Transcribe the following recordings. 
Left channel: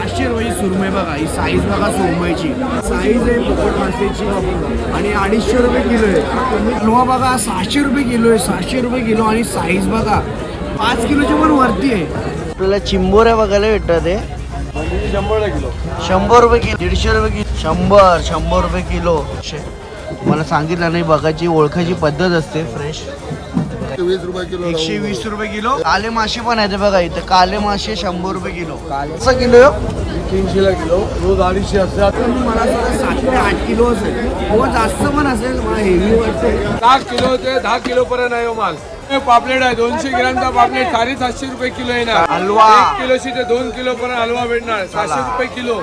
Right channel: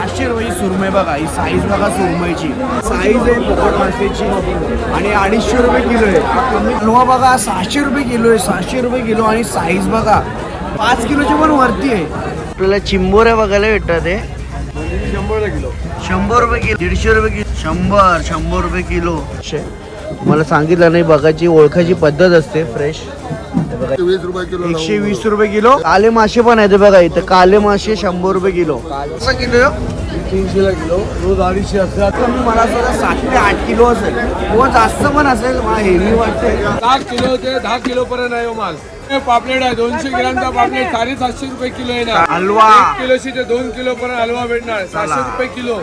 500 सुरमई बघा, ही साईज बघा सुरमईची. साईज आहे पोपट मासेची आणि 250 रुपये किलो आहे. हलवा बघा 600 रुपये किलो आहे, 600 रुपये किलो. आणि साईज बघा 5 किलोच्या पण वरती आहे. आपल्याला चिंबोऱ्या बघायला भेटतात. ते 100 रुपये किलो, 150 रुपये किलो, 100 रुपये किलो. तुम्हाला सांगितलं नाही, बघायची ओळखायची पद्धत असते. फ्रेश 120 रुपये किलो. काले मासे पण आहेत बघा इथं. काले मासे 100 रुपये किलो. कसा किलो? 300 ला किलो, रोज 250 असतात. मला सुद्धा 7 ते 8 किलो असेल, हो जास्त पण असेल. मला हेवी वाटते. 10 किलो ते 10 किलो पर्यंत आहे माल. पापलेट आहे 200 ग्रामचा पापलेट 750 रुपये किलो येणार. हलवा 1 किलोशी ते 2 किलो पर्यंत हलवा भेटणार 700 रुपये किलो.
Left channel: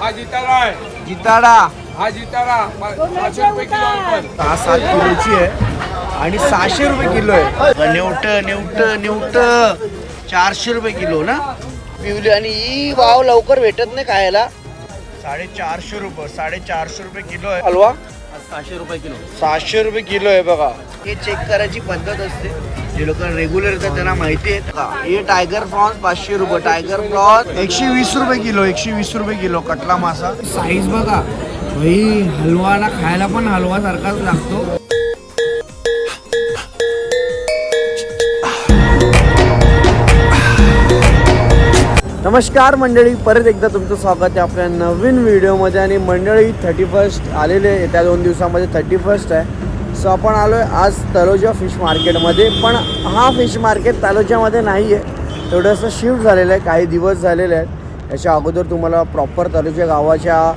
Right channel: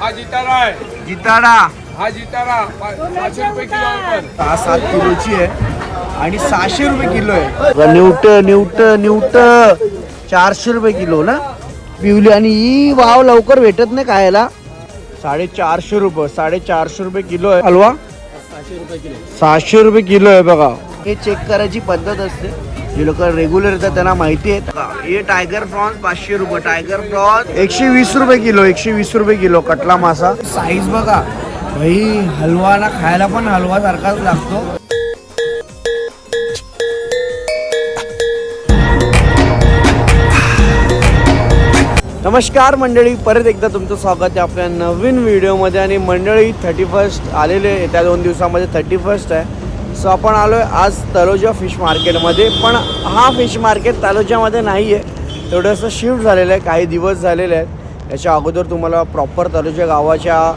हा जिताडा आहे, जिताडा. हा जिताडा 500 रुपये किलो आहे. पण 6-7 किलोची आहे आणि 600 रुपये किलो आहे. न्यूट 400 रुपये किलो ना पिवली. आणि ही वाव लवकर भेटत नाही खायला. 450 रुपये, 450 रुपये किलो आहे. हलवा 600 रुपये किलो, 600 रुपये किलो आहे बघा. हे चेक करायची पद्धत असते. जे लोक रेग्युलर येतात त्यांना माहिती आहे. हे टायगर प्रॉन्स 500 रुपये, टायगर प्रॉन्स 120 रुपये किलो, 120 रुपये किलो. कटला मासा. साईज बघा भाई, हलवा ना खायला पण हलवा सारखाच लागतो. नमस्कार मंडळी, परत एकदा तुमचं स्वागत आहे आपल्या नवीन व्हिडिओमध्ये. आणि मंडळी 31 आलेले, त्या 2 दिवसामध्ये 31 आहे. सो आपण आलो आहे आज तलोजा फिश मार्केटमध्ये. पण हा फिश मार्केट तलोजामध्ये नाही आहे, थोडंसं शिफ्ट झालेलं आहे, काही दिवस झालेले आहेत. याच्या अगोदर तुम्हाला प्रॉपर तलोजा गावाच्या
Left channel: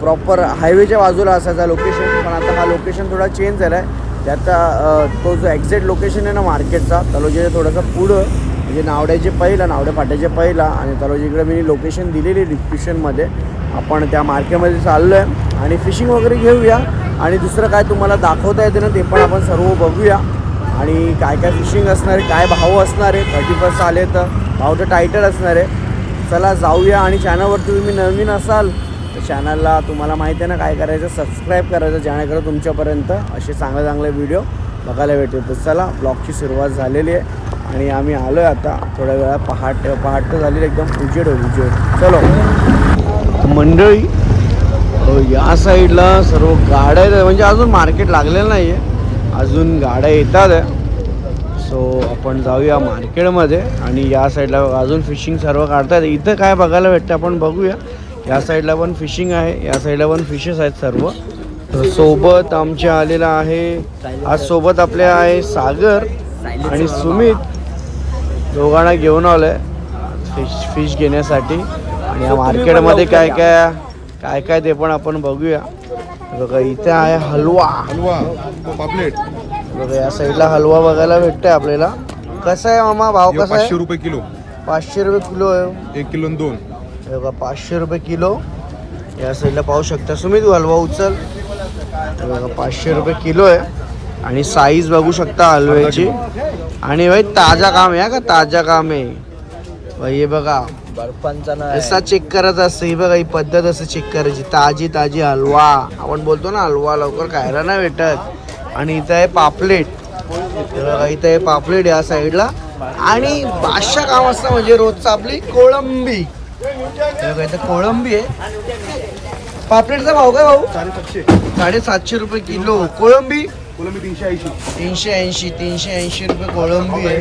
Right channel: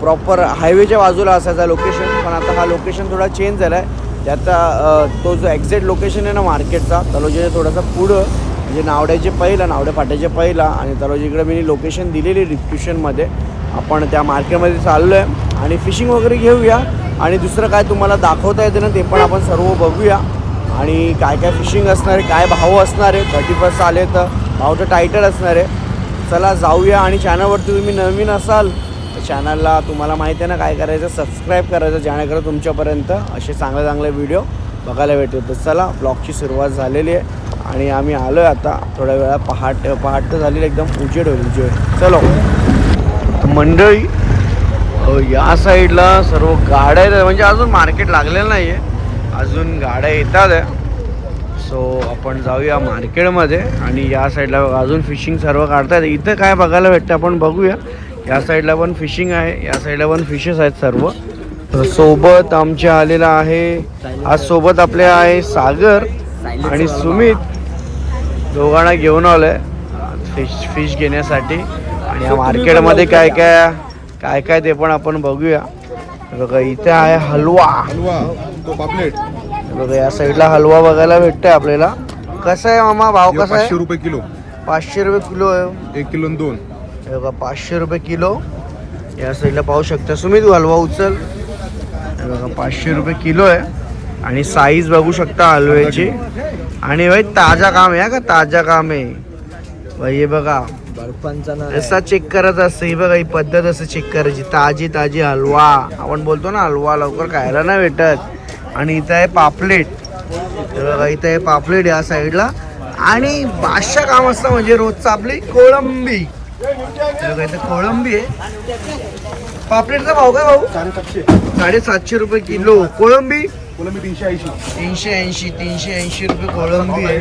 प्रॉपर हायवेच्या बाजूला असायचा लोकेशन. पण आता हा लोकेशन थोडा चेंज झाला आहे. त्याचा तो जो एक्झॅक्ट लोकेशन आहे ना मार्केटचा, तलोजाच्या थोडासा पुढं, म्हणजे नावड्याचे पहिला, नावड्या फाट्याचे पहिला. आणि तलोजीकडे मी लोकेशन दिलेली डिस्क्रिप्शनमध्ये. आपण त्या मार्केटमध्ये चाललो आहे आणि फिशिंग वगैरे घेऊया. आणि दुसरं काय तुम्हाला दाखवता येते ना ते पण आपण सर्व बघूया. आणि काय काय फिशिंग असणार आहे, काय भाव असणार आहे. 31 आले तर भाव तर टायटल असणार आहे. चला जाऊया. आणि चॅनलवरती तुम्ही नवीन असाल तर चॅनलला तुम्हाला माहिती आहे ना काय करायचं, सबस्क्राईब करायचं, जेणेकरून तुमच्यापर्यंत असे चांगले चांगले व्हिडिओ बघायला भेटेल. तर चला, ब्लॉगची सुरुवात झालेली आहे आणि आम्ही आलो आहे आता. थोड्या वेळा पहाट तर झालेली, एकदम उजेड होईल, उजेड. चलो मंडळी, या साईडला सर्व गाड्या आहेत. म्हणजे अजून मार्केट लागलेलं नाही आहे, अजून गाड्या येतात आहे. सो आपण जाऊया मार्केटमध्ये. आणि या साईडला अजून फिशिंग सर्व काढतात. इथं काय बघायला भेटतं आपण बघूया. या साईडला पण फिशिंग आहे, या साईडला पण फिशेस आहेत सर्व. सोबत आमच्या आलेला आहे आज, सोबत आपले आहे सागर आणि सुमित. दोघांना घेऊन आलोय फिश घेण्यासाठी. आणि या मार्केटमध्ये काय काय ते पण आपण बघूया. बघा इथे आहे हलवा, बघा या साईडला हलवा बघायला भेटतोय आपल्याला. कसा आहे मामा भाव? कसा आहे? 500 रुपये किलो. 500 रुपये किलो आहे. 1 किलो 2. बघा 500 रुपये किलो. या साईडला पाहू शकता. सुमित हलवा उचल. बघा 500 रुपये किलो आहे. आणि साईज बघू शकता हलव्याची. आणि भाई ताजा काम आहे का, ताजा काम आहे भाई. हे बघा असा चेक करायचा असतं. ही बघा ही पद्धत असं चेक करायची. ताजी ताजी हलवा, आपण बोलतो ना हलवा लवकर खायला नाही भेटत. आणि इथं आहे पापलेट. बघा इथं आहे पापलेट या साईडला. आणि बादशाह काम असतं म्हणजे रोजचं आपली कोळंबी. बघा इथं कोळंबी आहे. पापलेटचा भाव काय भाऊ? 750 रुपये किलो. कोळंबी 380 रुपये कोळंबी आहे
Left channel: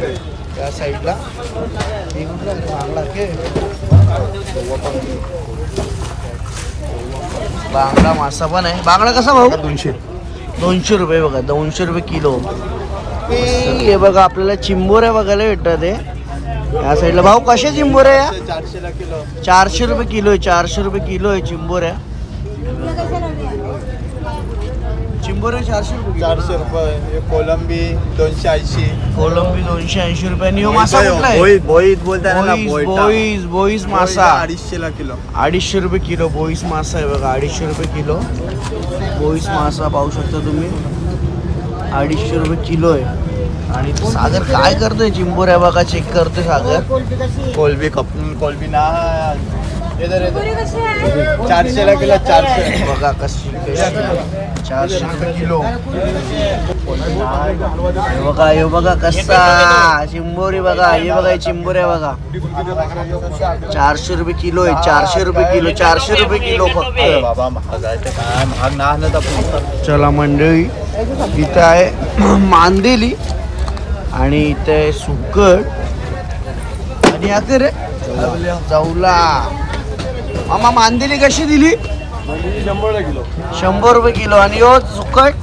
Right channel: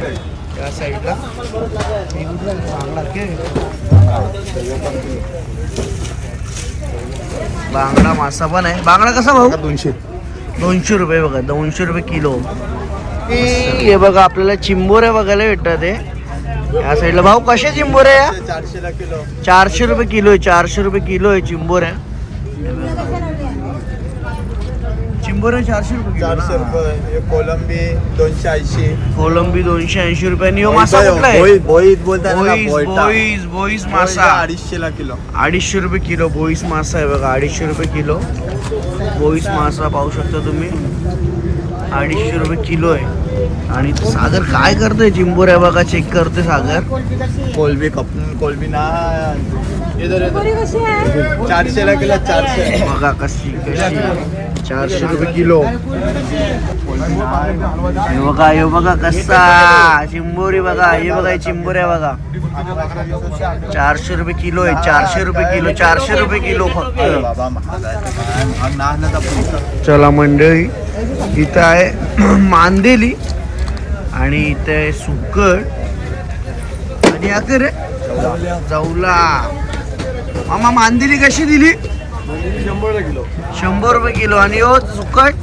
या साईडला. बांगडा मासा पण आहे. बांगडा कसा भाऊ? 200 रुपये. बघा 200 रुपये किलो. हे बघा आपल्याला चिंबोऱ्या बघायला भेटतात. या साईडला भाऊ कशा चिंबोऱ्या या? 400 रुपये किलो आहे. 400 रुपये किलो आहे चिंबोऱ्या. चिंबोऱ्या 400 रुपये. 400 रुपये. कोलंबी 280. कोलंबी 280 रुपये. ह्यो मासा कुठला आहे? बोईत बोलताय ना, बोईस मासा 250 ला किलो. 250 रुपये किलो बोईस मासा आहे बघा. 250 रुपये किलो बोईस मासा पाहू शकता तुम्ही. 250 रुपये किलो आहे. आणि सागर काय करतोय? चिंबोऱ्या बघा चेक करतोय सागर. कोलबी कोलबी ना इधर 400 ला किलो. 400 बघा कशी 400 रुपये किलो. हे बघा कसा चिंबोरी बघा, हे बघा हे चिंबोरी आहे बघा. 400 रुपये किलो आहे, 400 रुपये किलो, 400 रुपये किलो फक्त. बाबा महाग आहे तर काय महाग नाही तर पुढचं. चला मंडळी, इथं आहे मांदेली आणि इथं आहे सुकट आणि आता रे जाऊला. मामा मांदेली कशी दिली? 100 किलो. 100 रुपये किलो. आणि हो सुकट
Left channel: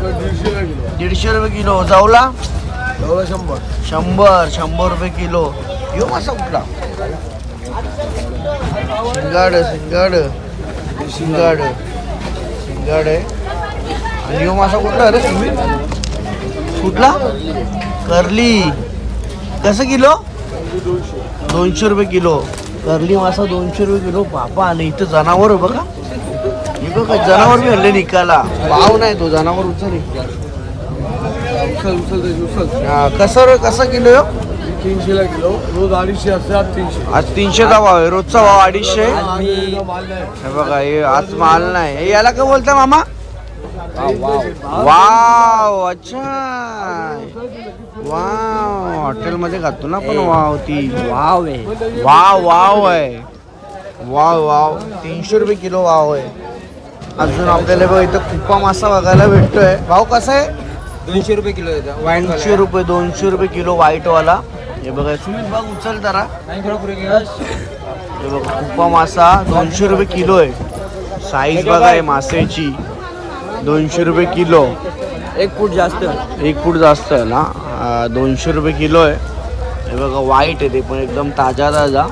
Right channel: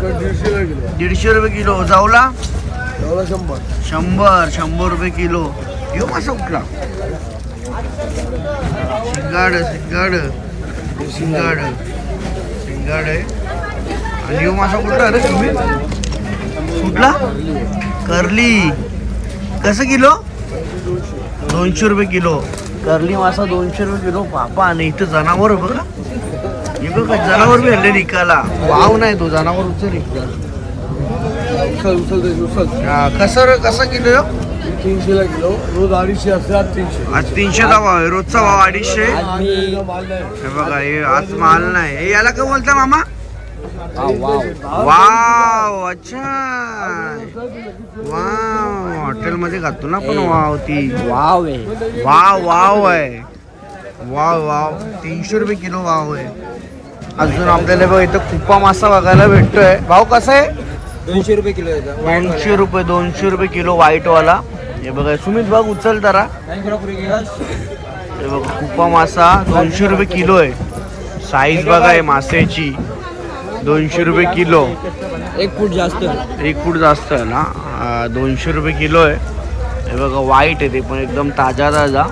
150 रुपये किलो. जाऊला 100 रुपये किलो. यो मासा कुठला? शिंगाड आहे. आणि यो मासा कुठला रे तुम्ही? कुठला? करली. कसं किलो? 200 रुपये किलो. करली मासा 200 रुपये किलो. बापा. आणि इथं जनावर बघा, हे बघा जनावर बी हल्ले निकाला. वाव नाही तो जनावर उचल कसा किलो यो? 300 किलो. रोज 250 असते, आज 300. आज 300चा भाव आहे, रोजचा भाव 250. माल नाही. हे बघा हे आज माल नाही. हे याला काय बोलता मामा? वाव. अच्छा वाव. हॉटेलमध्ये खातो ना पण वाव. ती वाव आहे. वाव आहे. वाव 300 रुपये किलो वाव आहे. अजून आपल्याला बघा इथं कुपा मासा बघायला भेटतोय. भाव कसा आहे? 200 रुपये किलो येतं. 200 रुपये किलो व्हाईट वाला. हे बघा सुमित बघ उचल जरा. हे बघा कुपा मासा 200 रुपये किलो आहे. साईज बघा आहे मासेची. 200 रुपये किलो. 1 फूट जास्त. 1 फूट जास्त आहे ना. 200 रुपये किलो आहे. हे बघा वाईट आहे ते पण एकदम ताजा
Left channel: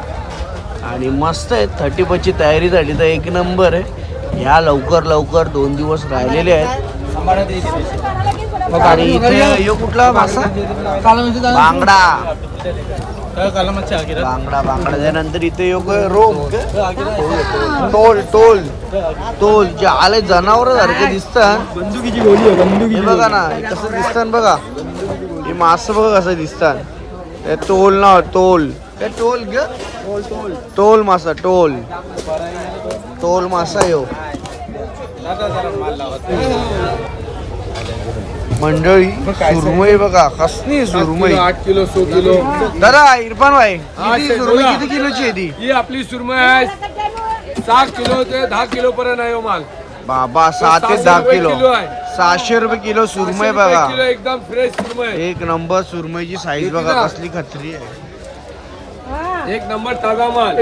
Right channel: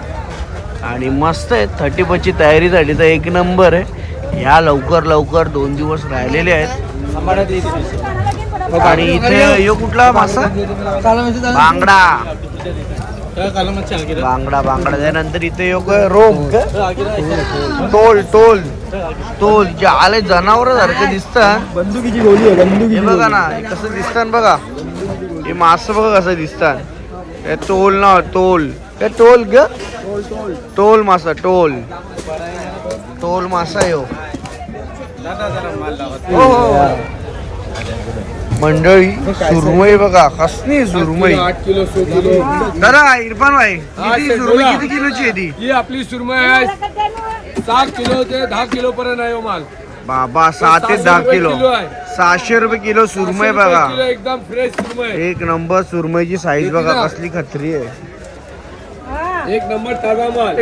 आणि मस्त आहे. 30ची तयारी झाली तर एक नंबर आहे. ह्या लवकर 2 दिवस राहिलेले आहेत. आणि इथे यो कुठला मासा? बांगडा. त्यानंतर इथे योग रोम टोल जे आले जनावर सारखे दिसतात. बंदुकीची गोळी आहे. हे बघा ना कसं दिसतात बघा. हे मासं बघा कसं दिसतात. हे टोल ना टोल. हे टोल ग टोल मासा. टोल मासा यो. मंडळी सुरमई बघा कसली सुरमई. 8 किलो 100 किलो. दादा इरफान भाई हा, किती ते सुरमई बोला. किती किलोची आहे ती? ही आपली सुरमई आहे 7 किलो ते 10 किलो पर्यंत आहे हो माल. बाबा 7 ते 10 किलो. 600 रुपये किलो सुरमई 600 रुपये बघा. किलो एकदम फ्रेश सुरमई. एक नंबर सुरमईची साईज बघा कसली खत्री आहे. एक नंबर ताजा माल.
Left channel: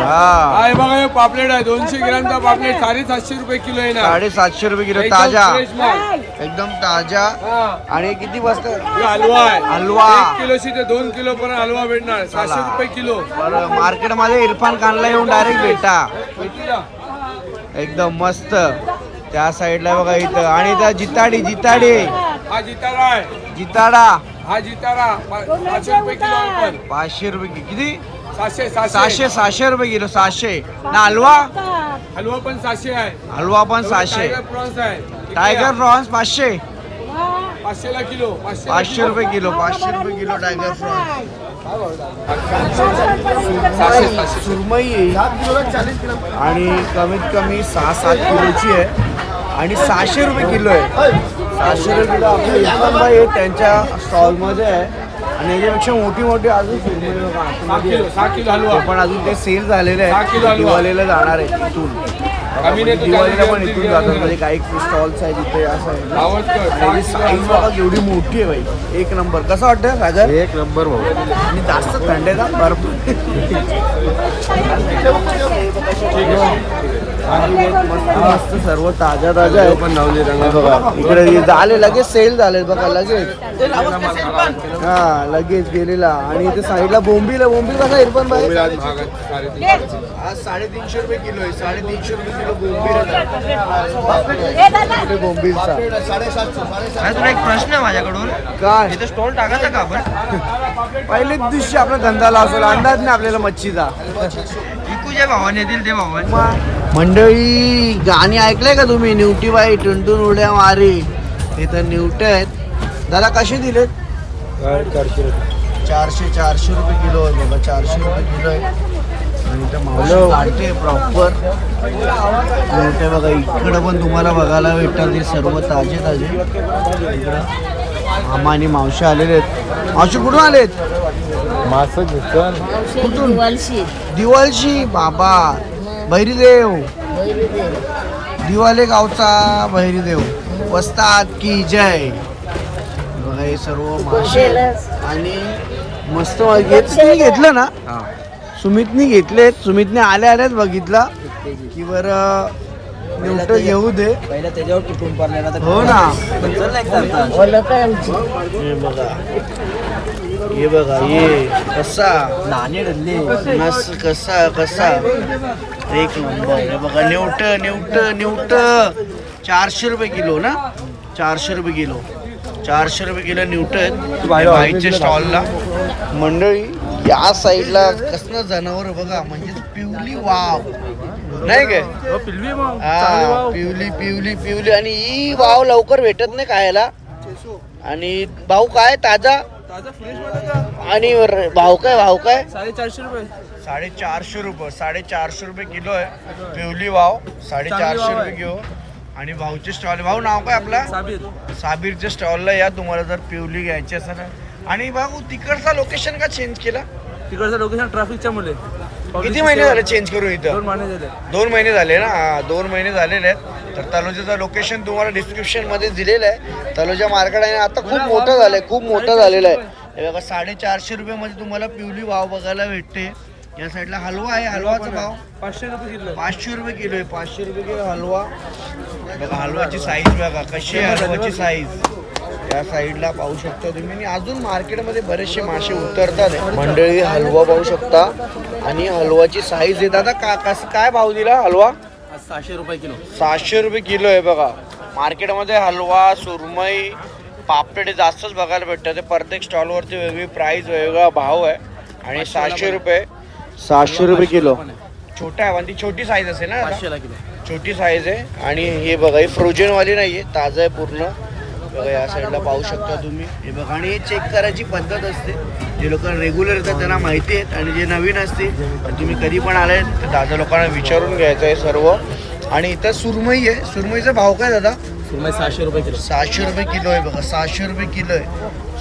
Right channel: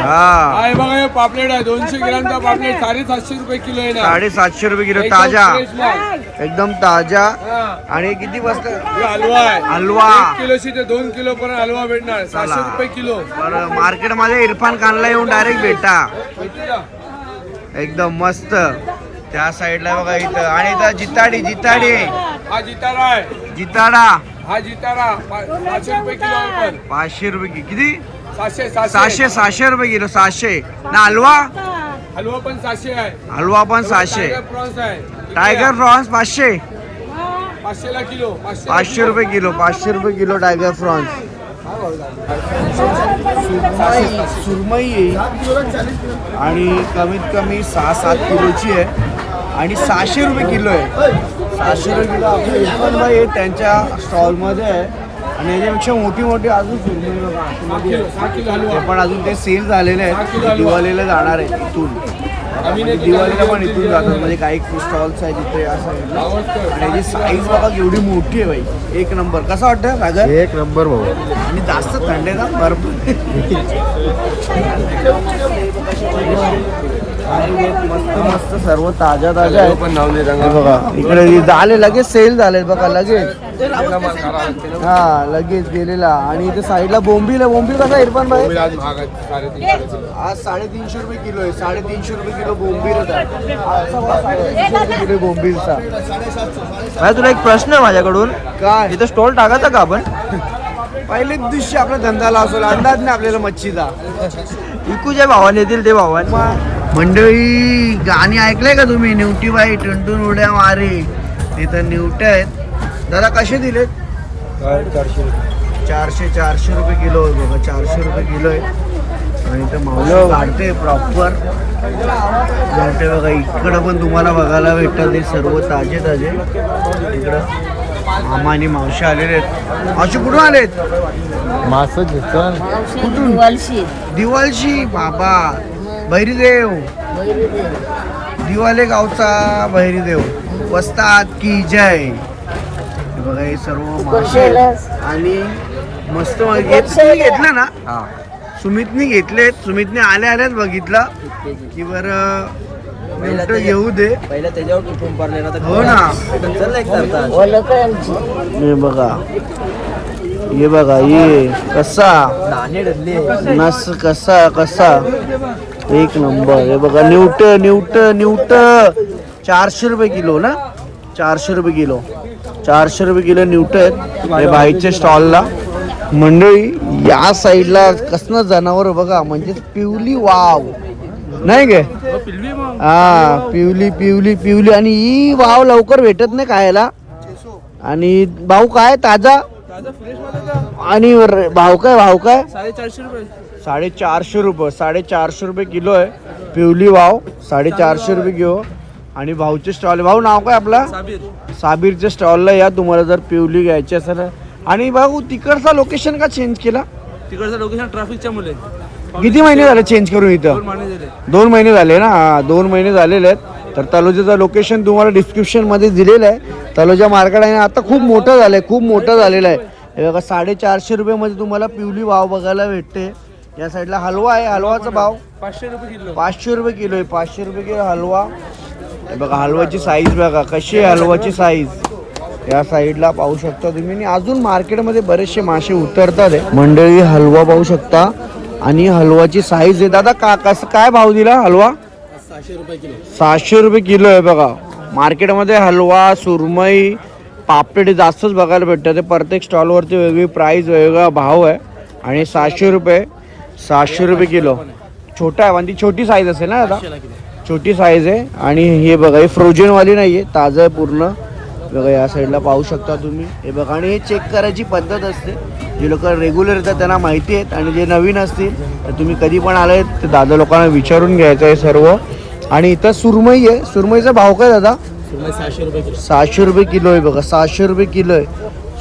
हा आहे बघा हे पापलेट आहे 200 ग्रामचा पापलेट 750 रुपये किलो आहे ना. 750 रुपये किलो. एकदम ताजा फ्रेश माल. एकदम ताजा. हा. आणि हे किती बसत? हे हलवा आहे. हलवा. 1 किलोशी ते 2 किलो पर्यंत हलवा भेटणार. 700 रुपये किलो. बरं मार्केटमध्ये इरफान खानला येऊन डायरेक्ट भेटा. भेटूया. एकदम मस्त. त्या साईडला बघा इथं. आणि इथं जिताडी हा जितारा आहे. जिताडा. हा जितारा 500 रुपये किलो आहे पण. 500 रुपये किती? 700 600 रुपये किलो. 600 ना. हलवा हलवा पण 700 आहे. हलवा पण 600. टायगर प्रॉन्स आहे. किती टायगर आहे? प्रॉन्स 500. 500 ला किलो. 500 रुपये किलो. 500 रुपये किलो टायगर प्रॉन्स. सुरमई येईल आणि कमीत कमी 6-7 किलोची आहे आणि 600 रुपये किलो आहे. 600 रुपये किलो आपले इरफान भाई आहे त्यांच्या स्टॉलमध्ये आहे. आणि याच्यापेक्षा मोठी अजून सुरमई बघा आतमध्ये आहे. 6 किलो हलवा. ते पण अजून ते सेल झालेले 6 किलो आहेत. हलवा. दिवाळीला जाणार आहे इथून. म्हणजे दिवाळीला पण इथून जातात. म्हणजे काही स्टॉल्स आहेत तिथे या साईडला. आणि याची साईज बघा केवढी मोठी आहे भाई. एक नंबर. कसं वाटतं सागर? एक नंबर. आणि जास्त थंडेचा भरपूर मस्त सर्व ताज्या पण लावले रंगा. इकडे झाले लगेच सेल झाले बघा लगेच. हा लगेच गेलेला. आणि इथे साईडला बोंबील ना इरफान भाई. आज 350 रुपये किलो आहे. 350 रुपये किलो बोंबील. तुला एक प्रश्न आहे माझ्याकडून. काय? इथं स्टॉल टाकायचा का आपण? पहिलेच दिवशी आपला धंदा लावतो. अंदाज नाही आपल्याला मच्छीचा. विकू ज्या भावाने येतील ते भावाने. मंडळी गाणी ऐकलंय का तुम्ही? निवटी बाई टुनटुन उड्या मारे. इथं निवटे आहेत. त्याला कसे दिलेत? 400 रुपये किलो आहे बघा. 400 रुपये किलो आहे. आणि इथं मावलं काढते प्रॉपर. मोठे बघा इकडं पण तुम्हाला बघायला भेटतात हे सर्व ताजे ताजे. इकडं मामा आणि मावशी आलेले आहेत. मावशी कुठून आलेत? कुठून? दिवाळशी. बाबा भैरीदेव, दिवाले गावचा भैरीदेव वस्ताद की जय. बघा हे सर्व मासे आणि मस्त घेतलं ना. सुमितनी घेतले. सुमितने आल्या आल्याच बघितलं की बरं नेमकं येऊ दे. हो ना. हे बघा, हे बघा, ये कसा नस कसा कसा एक नंबर. हे बघा न्यूट न्यूट न्यूट 400 रुपये किलो ना. 400 रुपये किलो. 400 रुपये किलो न्यूट आहेत बाईकच्या स्टॉलला. मंडळी या साईडला कसलं जनावर बघा, म्हणजे पिवली वाव नाही गे. हा पिवली पिवली पिवली. आणि ही वाव लवकर भेटत नाही खायला. आणि भाऊ काय ताजा आणि भाव काय? 450 रुपये. 450 रुपये. 450 रुपये किलो आहे पिवली वाव. 450 रुपये किलो. आणि भाऊचे स्टॉल. भाऊ नाव काय आपला? साबीरच्या स्टॉलला या तुम्हाला जर पिवली घ्यायची असेल. आणि भाऊ तिकडचा लोकेशन का चेंज केला? तिकडचं लोकेशन ट्रॅफिकच्या मुले. किती महिने झाले चेंज करून इथं? 2 महिने झाले. 2 महिने झाले ना. 2 महिने झालेले आहेत. तर तलोजाचं लोकेशन तुम्हाला डिस्क्रिप्शन मध्ये दिलेलं आहे. तलोजा मार्केट आहे आता खूप मोठं झालंय. खूप मोठं झालेलं आहे. हे बघा 450 रुपये मध्ये तुम्हाला पिवली वाव बघायला भेटते. या साईडला हलवा आहे. हलवाचा भाव 500 रुपये किलो. 500 रुपये किलो आहे. 500 रुपये किलो हलवा. बघा हलवाची साईज बघा कशी आहे. हलवाची साईज या साईडला पाहू शकता तुम्ही. आणि अजून मार्केटमध्ये बरेचसे मासे उतरतात मंडळी. हलवा पाहू शकता. आणि हलवाची साईज आहे. दादा कसं काय भाव दिला हलवा? 600 रुपये किलो. 600 रुपये किलो आहे बघा. मार्केटमध्ये हलवा, सुरमई, पापड जास्तच बघायला भेटतं. ते प्रत्येक स्टॉलवरती वेगळी प्राईस, वेगवेगळा भाव आहे. आणि 600 रुपये किलो. छोटा आहे म्हणजे छोटी साईज असेल ना दादा? छोटी साईज आहे. आणि हे बघा हे फ्रोजन वाली नाही आहे, ताजं आहे पूर्ण. बघा या साईडला पाहू शकता तुम्ही. हे बघा आणि हे चेक करायची पद्धत असते. जे लोक रेग्युलर येतात त्यांना माहिती आहेत. आणि जे नवीन असतील तर तुम्ही कधी पण आले तर दादा लोकांना विचारून घ्यायचं आहे सर्व. आणि इथं सुरमई आहे. सुरमईचा भाव काय दादा? सुरमई 600 रुपये किलो. 600 रुपये किलो आहे बघा. 600 रुपये किलो आहे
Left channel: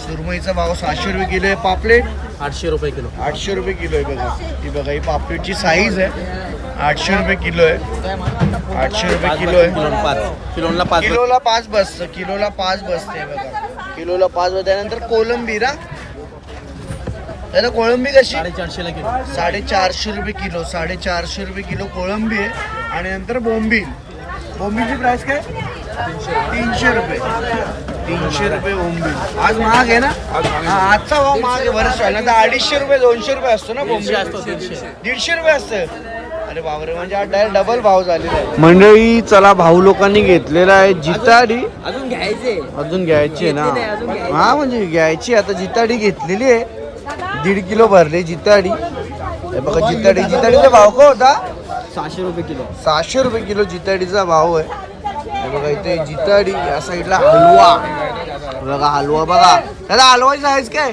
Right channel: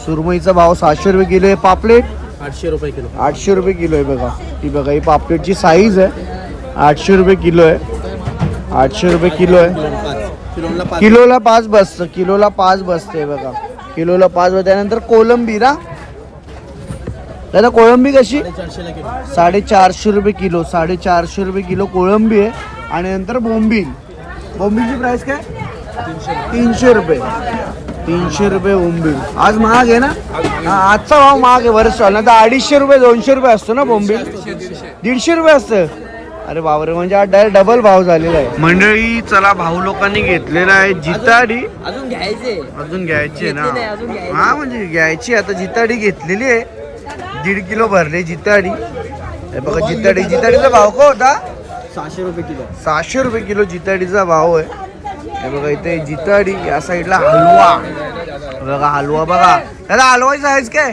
सुरमईचा भाव. 600 रुपये किलो आहे. पापलेट 800 रुपये किलो. 800 रुपये किलो आहे बघा. ती बघा ही पापलेटची साईज आहे. 800 रुपये किलो आहे. 800 रुपये किलो आहे. किलोला 5 बसतं. किलोला 5 बसते बघा. किलोला 5 बसते. त्यानंतर कोलंबी ना दादा. कोळंबी कशी? 450 रुपये किलो. 450 रुपये किलो कोळंबी आहे. आणि नंतर बोंबील. बोंबीलची प्राइस काय? 300 रुपये. 300 रुपये बोंबील. आज महाग आहे ना. आजचा भाव महाग आहे बरेच. ना तर 250 रुपये 200 रुपये असतो ना बोंबील. 150 रुपये असतं. अरे बाबरे, म्हणजे हा डायरेक्ट डबल भाव झालेला आहे मंडळी. चला भाऊ लोकांनी घेतलेला आहे जिताडी. अजून घ्यायचे. अजून घ्यायची आहे ना. हा म्हणजे घ्यायची आता. जिताडी घेतलेली आहे. 1.5 किलो भरले जिताडी. हे बघा जिताडीचा भाव का होता? 600 रुपये किलो. 600 रुपये किलो जिताडीचा भाव आहे. हे बघा इथे जिताडी. या साईडला हलवा बघा. हलवा बघा त्याला. हलवाची साईज काय?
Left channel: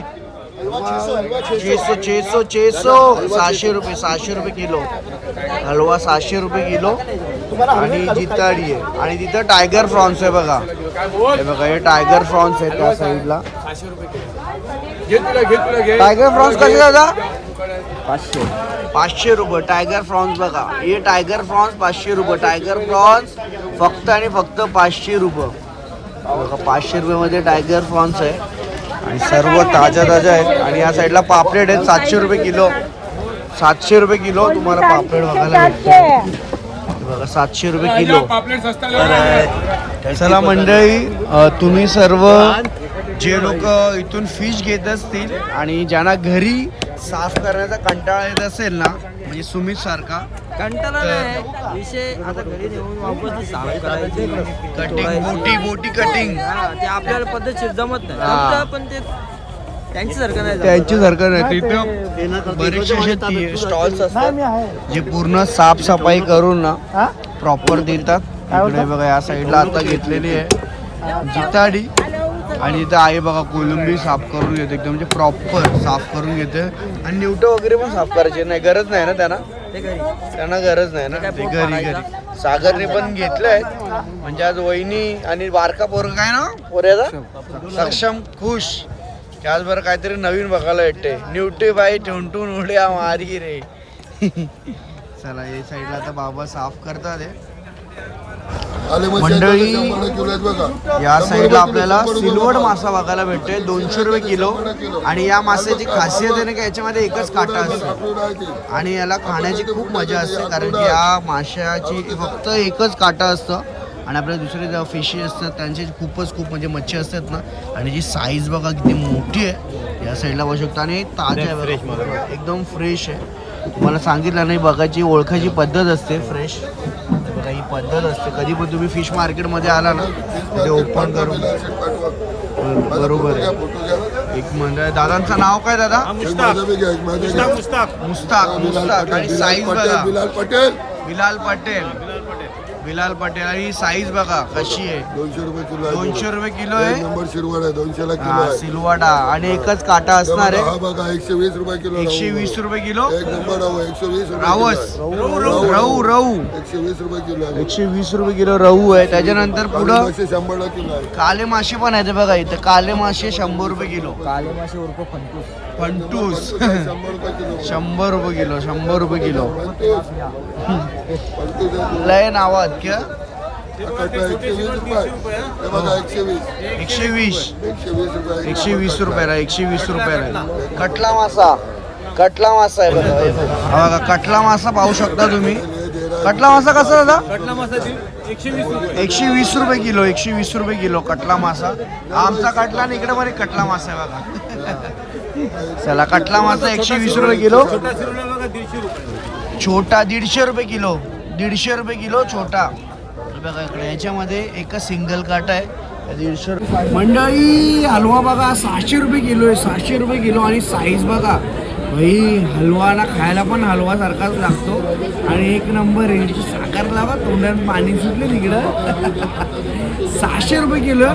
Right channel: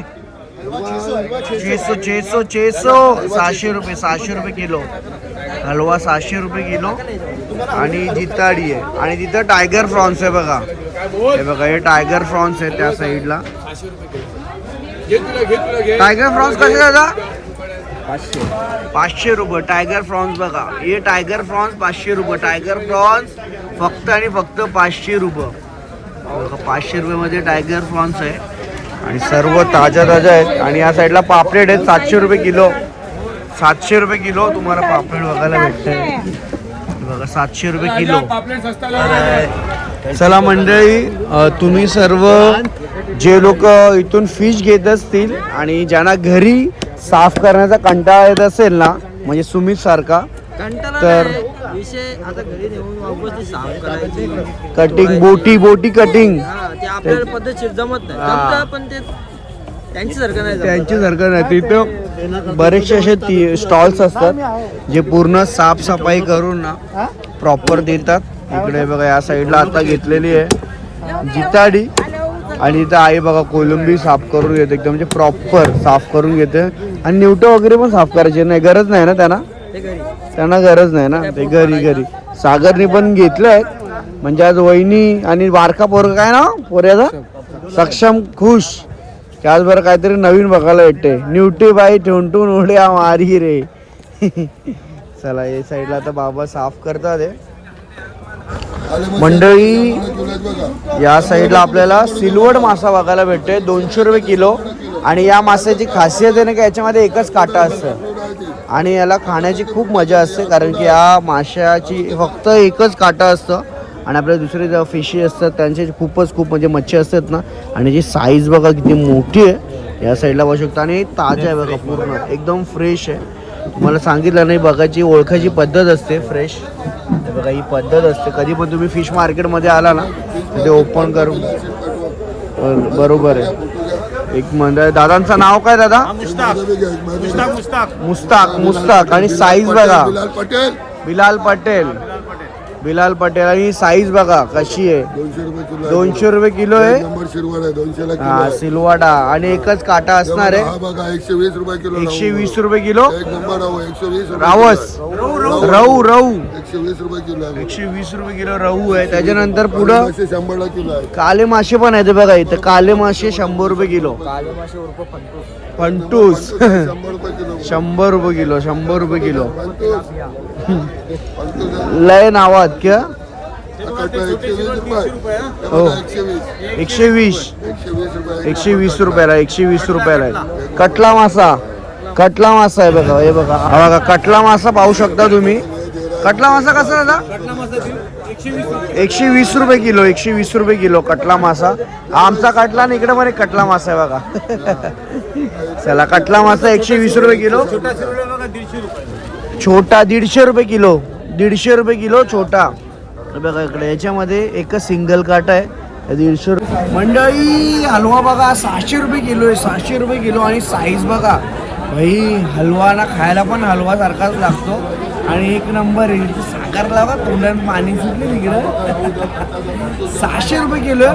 600 600 रुपये. 600 रुपये किलो हलवा. 600 रुपये किलो. आणि जिताडी आहे. आणि तिथं टायगर फ्रॉन्स आहे बघा. हे बघा हे टायगर फ्रॉन्स आहे त्या साईडला. टायगर फ्रॉन्स कसे दादा? 500 रुपये टायगर फ्रॉन्स बघा. हे टायगर फ्रॉन्स 500 रुपये. टायगर फ्रॉन्स फक्त आणि फक्त 500 रुपये बघा. 500 रुपयेमध्ये टायगर फ्रॉन्स आहे. आणि सर्व ताज्या आहेत. आणि या साईडला पापलेट आहेत 700 रुपये किलो. 700 रुपये किलो तुम्हाला पापलेट बघायला भेटते बघा. 700 रुपये किलो. चला मंडळी, तुम्ही सर्व जे लोक इथून फिश घेत असतील आणि ज्यांना घरी साफ करण्याचा कंटाळा येत असेल ना, म्हणजे सुमित सारखा, कंटाळा तर विषय आता घरी नेऊन वापस साफ करायची. कटिंग बोटी कटिंग ते आपल्याला पद्धतशीर जमत नाही. जमतं पण ते त्यांच्यासारखं नाही. त्यांच्यासारखं नाही. तिथं बरेचसे असे स्टॉल्स असतात जे पूर्ण साफसफाई करून ना प्रॉपर देतात. इकडे बघा या साईडला आता घेतलेली आहे जिताडी. आणि इथं आई बघा कोलंबी साफ करून घेते एकदम, म्हणजे प्रॉपर साफ करून घेते. आणि निवटं वगैरे पण साफ करायची नाही, गरज नाही ना त्यांना. ते घरी त्यांना गरज नाही ना, ते घरी घरी. सागरने पण घेतलंय म्हणजे आज वहिनी आणि बारका पोरगा काय ना पोऱ्याचा सक्षम खुश. त्याचबरोबर काहीतरी नवीन बघायला भेटते. न्यूटे बाई ठेवून उड्या मारी रे. चला या साईडला आता बाबा साफ करतात आहे. मंडळी या साईडला आपल्याला सिल्वड मासा बघायला भेटतोय 200 रुपये किलो. आणि या माशाची खासियत आहे ना की याच्यामध्ये एकच काटा असतं आणि याला खाण्याची खूप मजा असते, कारण की या माशाची फक्त एकच काटा असतं. आणि आपल्या दुसरे जे फिशी असतात त्यांचे खूप म्हणजे मच्छी असतात ना. आणि जी साईज बघा किती मोठी आहे या साईडला बघू शकता. आणि ताजा आहे बघा, पूर्ण एकदम फ्रेश आहे. तुम्हाला सांगितलं नाही बघायची ओळखायची पद्धत असते फ्रेश. बघा ही पद्धत असते. कधी पण तुम्ही फिश मार्केटमध्ये आला ना ते ओपन करून बरोबर आहे. एक म्हणजे दादांचं नाव काय दादा? मुस्ताक. आणि साईज बघा बिलाल पटेल. आणि साईज बघा कशी आहे, 200 रुपये किलो आहे. सिलवाडा. आणि एकच काटा असणार आहे. 120 रुपये किलो. 120 रुपये किलो रावस रहू 120 रुपये किलो. 120 रुपये किलो रहू आहे. त्याच्यानंतर पुढं 100 किलो आहे. काले मासे पण आहेत बघा इथं. काले मासे 100 रुपये किलो. फंटूस 100 रुपये किलो. 100 रुपये किलो. लय नावात क्या 120 रुपयाला 120 रुपयाला. कटला मासा आहे बघा. हे बघा हा बघा कटला मासा पाहू शकता तुम्ही. कटला मासा कसा दादा? 120 रुपये किलो. 120 रुपये किलो कटला मासा. आमचा कटला आणि इकडे पण एक कटला मासा आहे बघा. चला कटला मासा 120 रुपये किलो. छोटा 150 रुपये किलो. 150 रुपये किलो छोटा. बघा इकडे याच्यामध्ये एकच सिंगल काटा आहे. 150 रुपये. मंडळी हलवा बघा 600 रुपये किलो आहे. 600 रुपये किलो. आणि साईज बघा भाई, हलवा ना खायला पण हलवा सारखाच लागतो. आणि एक नंबर आहे. साखरला बघा तोंडात पाणी सुटले तिकडं. 600 रुपये किलो.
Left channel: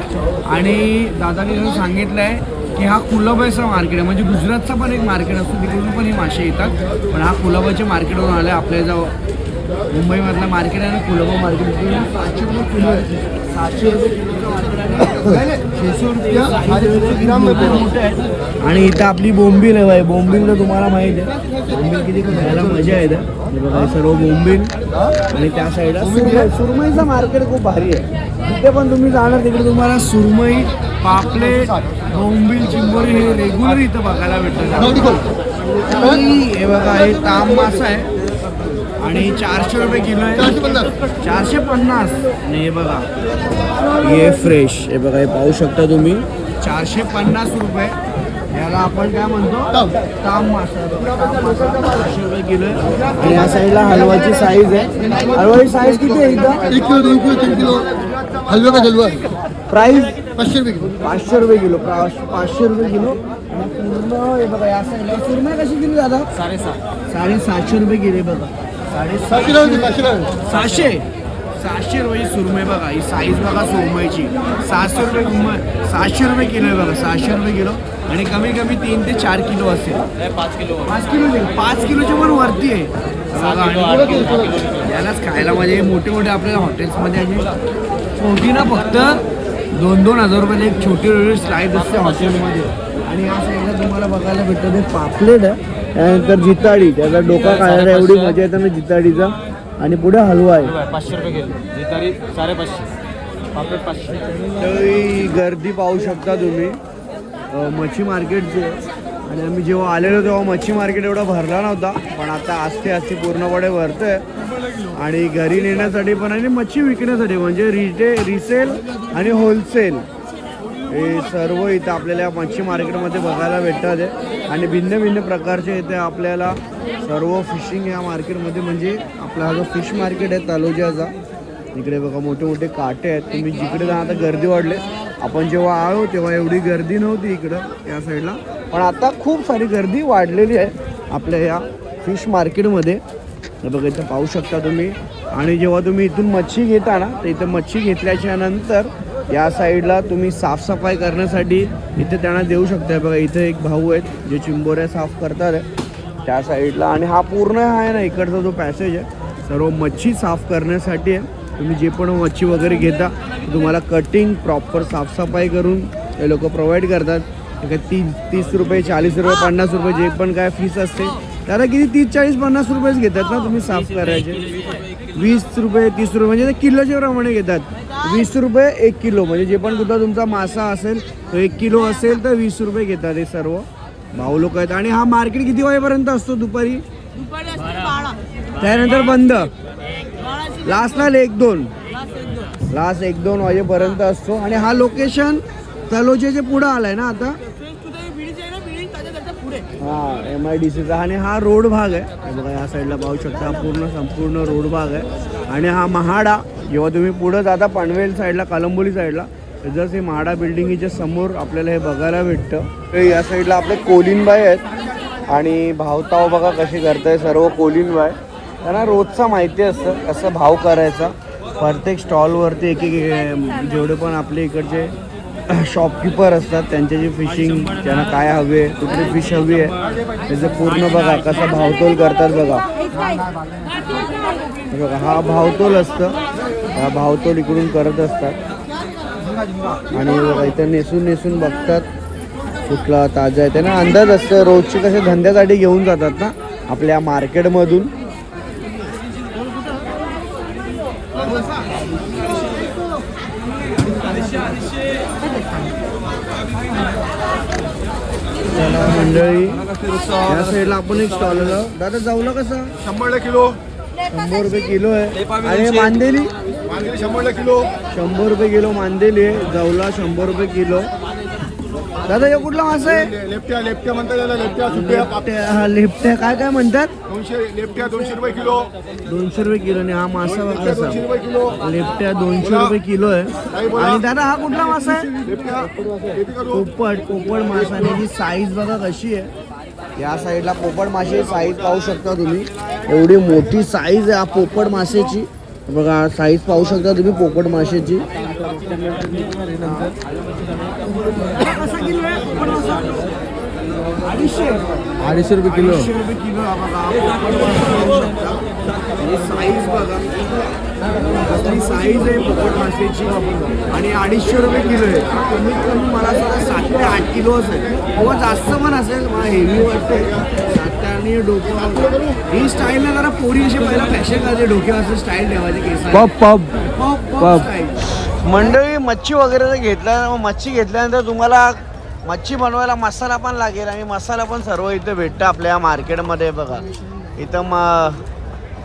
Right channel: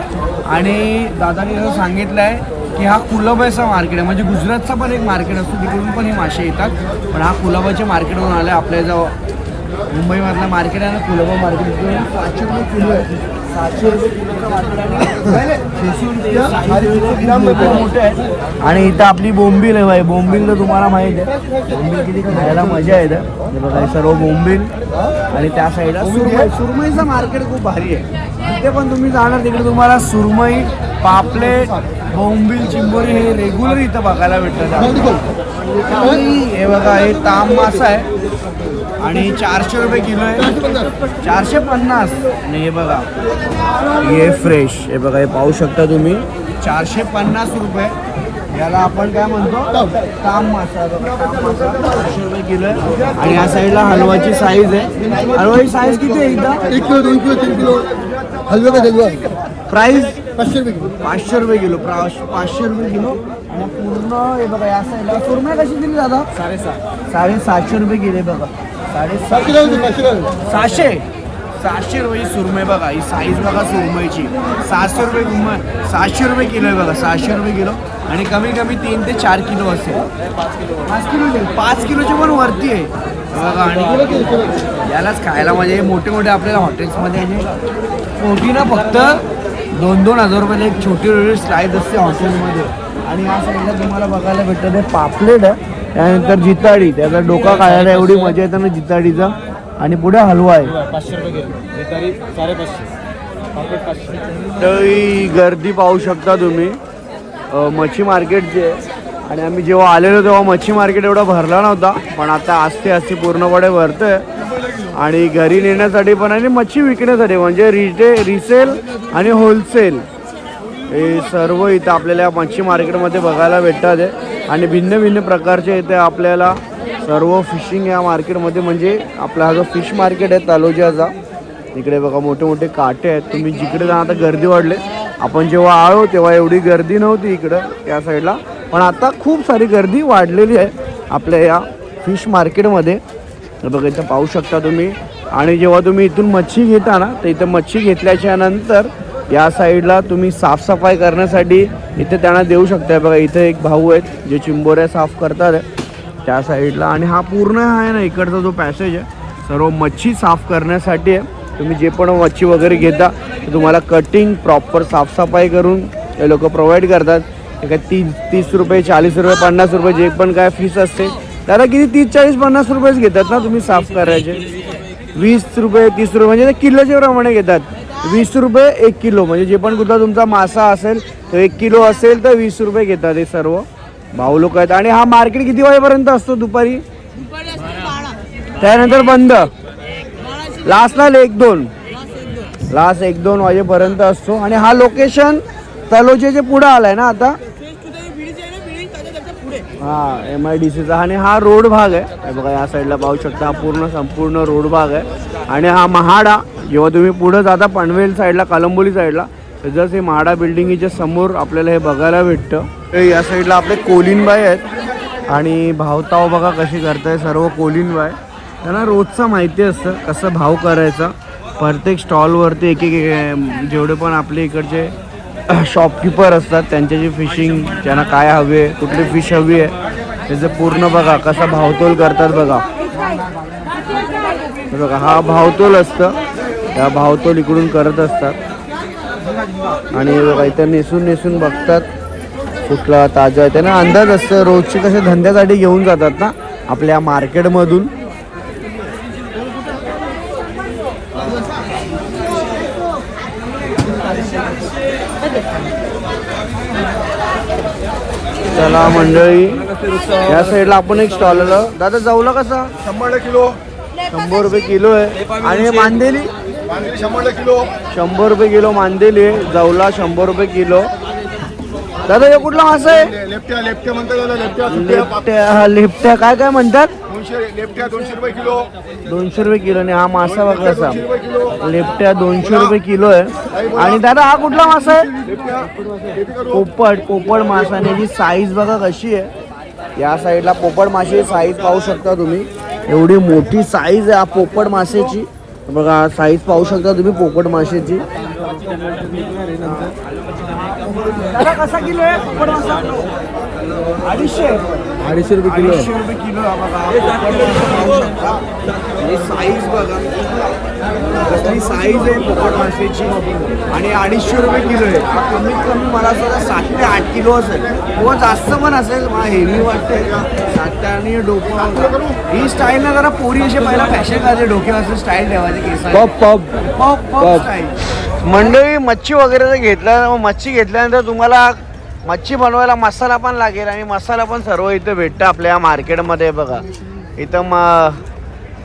आणि दादाने असं सांगितलं आहे की हा कुलाबाचा मार्केट आहे, म्हणजे गुजरातचा पण एक मार्केट असतो, तिकडून पण हे मासे येतात. पण हा कुलाबाच्या मार्केटवरून आला. आपल्या जो मुंबईमधला मार्केट आहे ना कुलाबा मार्केट, 700 रुपये किलो आहे. 700 रुपये किलोचा मार्केट मोठे आहेत. आणि इथं आपली बोंबील आहे भाई. बोंबील तर तुम्हाला माहिती आहे, बोंबील किती खायला मजा येते. हे बघा हे सर्व बोंबील. आणि त्या साईडला सुरमईचं मार्केट खूप भारी आहे. तिथे पण तुम्ही जाणार तिकडे तुम्हाला सुरमई, पापलेट, बोंबील, चिंबोरी हे रेग्युलर इथं बघायला भेटतं. हे बघा हे ताम मासा आहे आणि 400 रुपये किलो आहे. 450. आणि हे बघा हे फ्रेश. हे बघा हे पाहू शकता तुम्ही 450 रुपये. याला आपण काय म्हणतो ताम मासा. बघा ताम मासा 400 रुपये किलो आहे. आणि या साईडला हलवाची साईज आहे. हलवाची साईज किती आहे? 1 किलो 2 किलो 3 किलो हलवा का हलवा. प्राईस 500 रुपये किलो. 500 रुपये किलो. 500 रुपये किलो. आणि पूर्ण हे बघा या साईडला सुरमई कशी दिली दादा? 750 रुपये किलो आहे बघा. 750 700 रुपये सुरमई बघा. ही साईज बघा सुरमईची. 700 रुपये 700 रुपये किलो आहे बघा. 700 रुपये किलो. आणि कमी 3 ते 4 किलो असेल. 5 किलोचे पण वरती आहे बघा. आणि यालाच खायला म्हणजे मोठे आपल्याला हॉटेल्समध्ये मोठी ना फक्त 2-2 हजार रुपयाला एक छोटी स्लाईस असते हॉटेलमध्ये. आणि या साईडला तुम्हाला बघायला भेटतं ते पापलेट आहे. त्यानंतर जिताडी, त्याचा डोका खायला एवढी मजा येते ना जिताडीचा. आणि पुढे हलवा आहे. 500 रुपये किलो. जितारी 550. पापलेट 500. गर्दी पाहू शकता तुम्ही मच्छी मार्केटचे. आणि आम्ही जेव्हा आलेलो तेव्हा मच्छी मार्केट एवढा भरला नव्हता, पण आता आस्ते पूर्णपणे भरतोय. आणि घरी नेण्यासाठी पण आणि मच्छी विकण्यासाठी म्हणजे रिसेल आणि होलसेल हे सर्व इथं आपल्याला मच्छी मार्केटमध्ये बघायला भेटतात आहे. आणि भिन्न प्रकारचे इथे आपल्याला सर्व फिशिंग या मार्केटमध्ये, म्हणजे आपला हा जो फिश मार्केट आहे तलोजाचा, इकडे बघा मोठे काटे आहेत. तुम्ही जिकडे जा आता गर्दी वाढले. आपण जेव्हा आलो तेव्हा एवढी गर्दी नव्हती इकडं या साईडला, पण आता खूप सारी गर्दी वाढलेली आहे आपल्या या फिश मार्केटमध्ये. बघा इथं पाहू शकता तुम्ही. आणि जेव्हा तुम्ही इथून मच्छी घेता ना, तर इथं मच्छी घेतल्याच्या नंतर या साईडला तुम्ही साफसफाई करण्यासाठी इथे त्यांना देऊ शकता. बघा इथे एक भाऊ आहेत जे चिंबोऱ्या साफ करतात. त्या साईडला. आणि हा पूर्ण आहे ना इकडचा जो पॅसेज आहे सर्व मच्छी साफ करण्यासाठी आहे. तुम्ही जे पण मच्छी वगैरे घेता तुम्हाला कटिंग प्रॉपर साफसफाई करून हे लोक प्रोव्हाइड करतात. काय 30 रुपये 40 रुपये 50 रुपये जे पण काय फीस असते त्याला किती 30 40 50 रुपयेच घेतात ना तुम्ही साफ करायचे. 20 रुपये 30 रुपये म्हणजे ते किलोच्या प्रमाणे घेतात. 20 रुपये 1 किलो म्हणजे जे पण कुठला तुमचा मासा असेल तर 1 किलो असेल तर 20 रुपये घेतात हे सर्व भाऊ लोक आहेत. आणि हा मार्केट किती वाजेपर्यंत असतो? दुपारी त्यानंतर बंद. लास्टला 1-2 वाजेपर्यंत असतो. आणि हा लोकेशन तलोजेच्या पुढे आलाय ना आता. हा MIDCचा. आणि हा रोड भाग आहे हे बघा या साईडला पाहू शकता. हा पूर्ण संपूर्ण रोड भाग आहे. आणि हा महाडा जेव्हा तुम्ही पुढे जाता पनवेल साईडला कलंबोली साईडला जसं हे महाडा बिल्डिंगच्या समोर आपल्याला हे बघायला भेटतं. या साईडला आपले कोलिनबाई आहेत आणि भावताव बघा कशी करताय सर्व कोलिनबाई. त्यांना रोजचा माहिती असतं कसं भाव करायचा. प्रत्येक स्टॉलवरती एक जेवढे पण आपले इकडचे शॉपकीपर असतात त्यांच्याची फिशिंग त्यांना काय हवे कुठली फिश हवी आहे त्याचं पूर्ण बघा कसं भावतोल करतात बघा. बघा हा भावतोल असतं. या भावतोल इकडून करत असतात. आणि इथं नेसून बघतात कुठला ताजा आहे त्यांना अंदाज असतं. रोजचे कसे धंद्यासाठी घेऊन जातात ना आपल्या मार्केटमधून. चला मंडळी या साईडला आपण एक स्टॉल आलो. दादा जाऊला कसा? 100 किलो. 100 रुपये किलो आहे. आणि मांदेली 100 किलो. 100 रुपये किलो मांदेली आहे. जाऊला 100 रुपये किलो. दादा हे कुठला मासा आहे? लेप्ट्या म्हणतात त्याला. लेप्ट्या काय काय म्हणतात? 200 लेप्ट्या 200 रुपये किलो. 200 रुपये किलो. आणि हा मासा बघा कसा 200 रुपये किलो. लेप्ट्या 200 रुपये किलो आहे. आणि दादा हा कुठला मासा आहे? पोपट मासा. आणि याची साईज बघा कशी आहे. या साईडला पोपट माशाची साईज पाहू शकता तुम्ही. एवढी मोठी साईज आहे पोपट माशाची बघा. साईज पाहू शकता तुम्ही पोपट माशाची. कसा किलो आहे पोपट मासा? 250 रुपये किलो. 250 रुपये किलो बघा. साईज बघा कसली साईज आहे पोपट माशाची. आणि 250 रुपये किलो आहे. कमीत कमी मला सुद्धा 7 ते 8 किलो असेल किंवा जास्त पण असेल. मला हेवी वाटते 7 ते. आणि डोकं ही स्टाईल ना जरा पोरी असे पहिला फॅशन करायचे डोक्यावर स्टाईल ठेवायचे केसाला स्टाईल. मंडळी मच्छी वगैरे जर घेतल्या मच्छी घेतल्यानंतर तुम्हाला मच्छी बनवायला मसाला पण लागेल. आणि मसाला पण सर्व इथं भेटतं आपल्या या मार्केटमध्ये बघा. इथं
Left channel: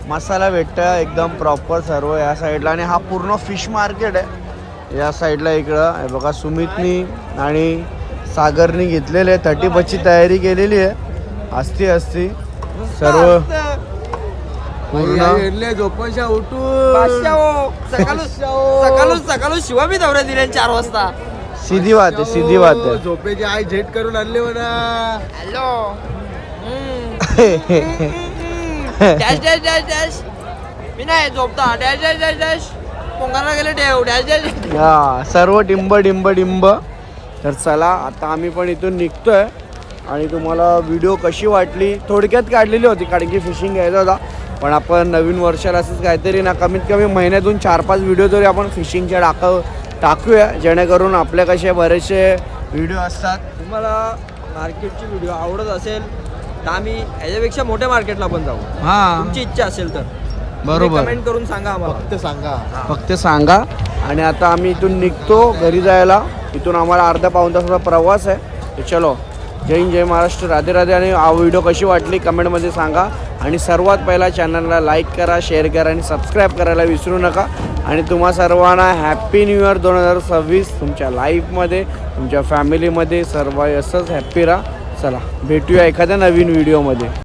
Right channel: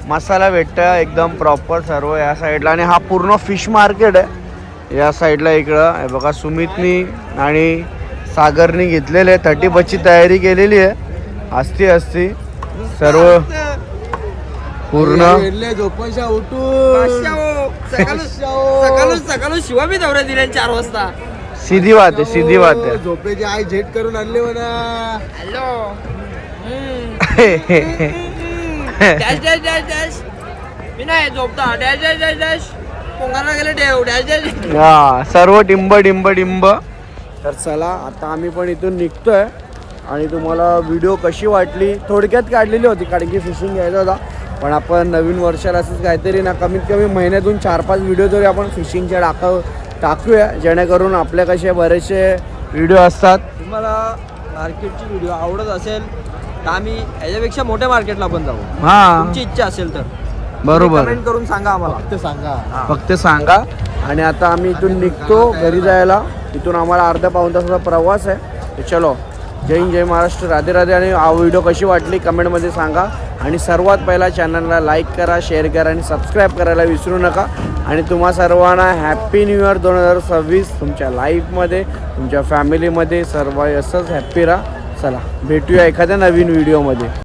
मसाला भेटतं एकदम प्रॉपर सर्व या साईडला. आणि हा पूर्ण फिश मार्केट आहे या साईडला. इकडं हे बघा सुमितनी आणि सागरनी घेतलेले 31ची तयारी केलेली आहे. असती सर्व पूर्ण झोपशा उठून सकाळी शिवा बी दौऱ्या दिल्या 4 वाजता. सीधी बात आहे. झोपेची आई झेट करून आणली म्हणा. Hello dash dash dash dash मी नाही झोपता. डॅश डॅश डॅश डॅश पोंगाला गेले ठेव डॅश डॅश. हा सर्व डिंब. तर चला आता आम्ही पण इथून निघतोय. आणि तुम्हाला व्हिडिओ कशी वाटली थोडक्यात काढलेली होती कारण की फिशिंग घ्यायचा होता. पण आपण नवीन वर्षाला असंच काहीतरी ना कमीत कमी महिन्यातून 4-5 व्हिडिओ तरी आपण फिशिंगच्या टाकूया जेणेकरून आपल्या कसे बरेचसे व्हिडिओ असतात. तुम्हाला मार्केटची व्हिडिओ आवडत असेल तर आम्ही याच्यापेक्षा मोठ्या मार्केटला पण जाऊ. हा तुमची इच्छा असेल तर बरोबर कमेंट करून सांगा आम्हाला. फक्त सांगा. आणि आता आम्ही इथून निघतो घरी जायला. इथून आम्हाला अर्धा-पाऊण तासाचा प्रवास आहे. चलो जय हिंद जय महाराष्ट्र राधे राधे. आणि हा व्हिडिओ कशी वाटली कमेंटमध्ये सांगा. आणि सर्वात पहिला चॅनलला लाईक करा शेअर करा आणि सबस्क्राईब करायला विसरू नका. आणि तुम्हा सर्वांना हॅप्पी न्यू इयर 2026. तुमच्या लाईफमध्ये तुमच्या फॅमिलीमध्ये सर्व असंच हॅप्पी राहा. चला भेटूया एखाद्या नवीन व्हिडिओमध्ये.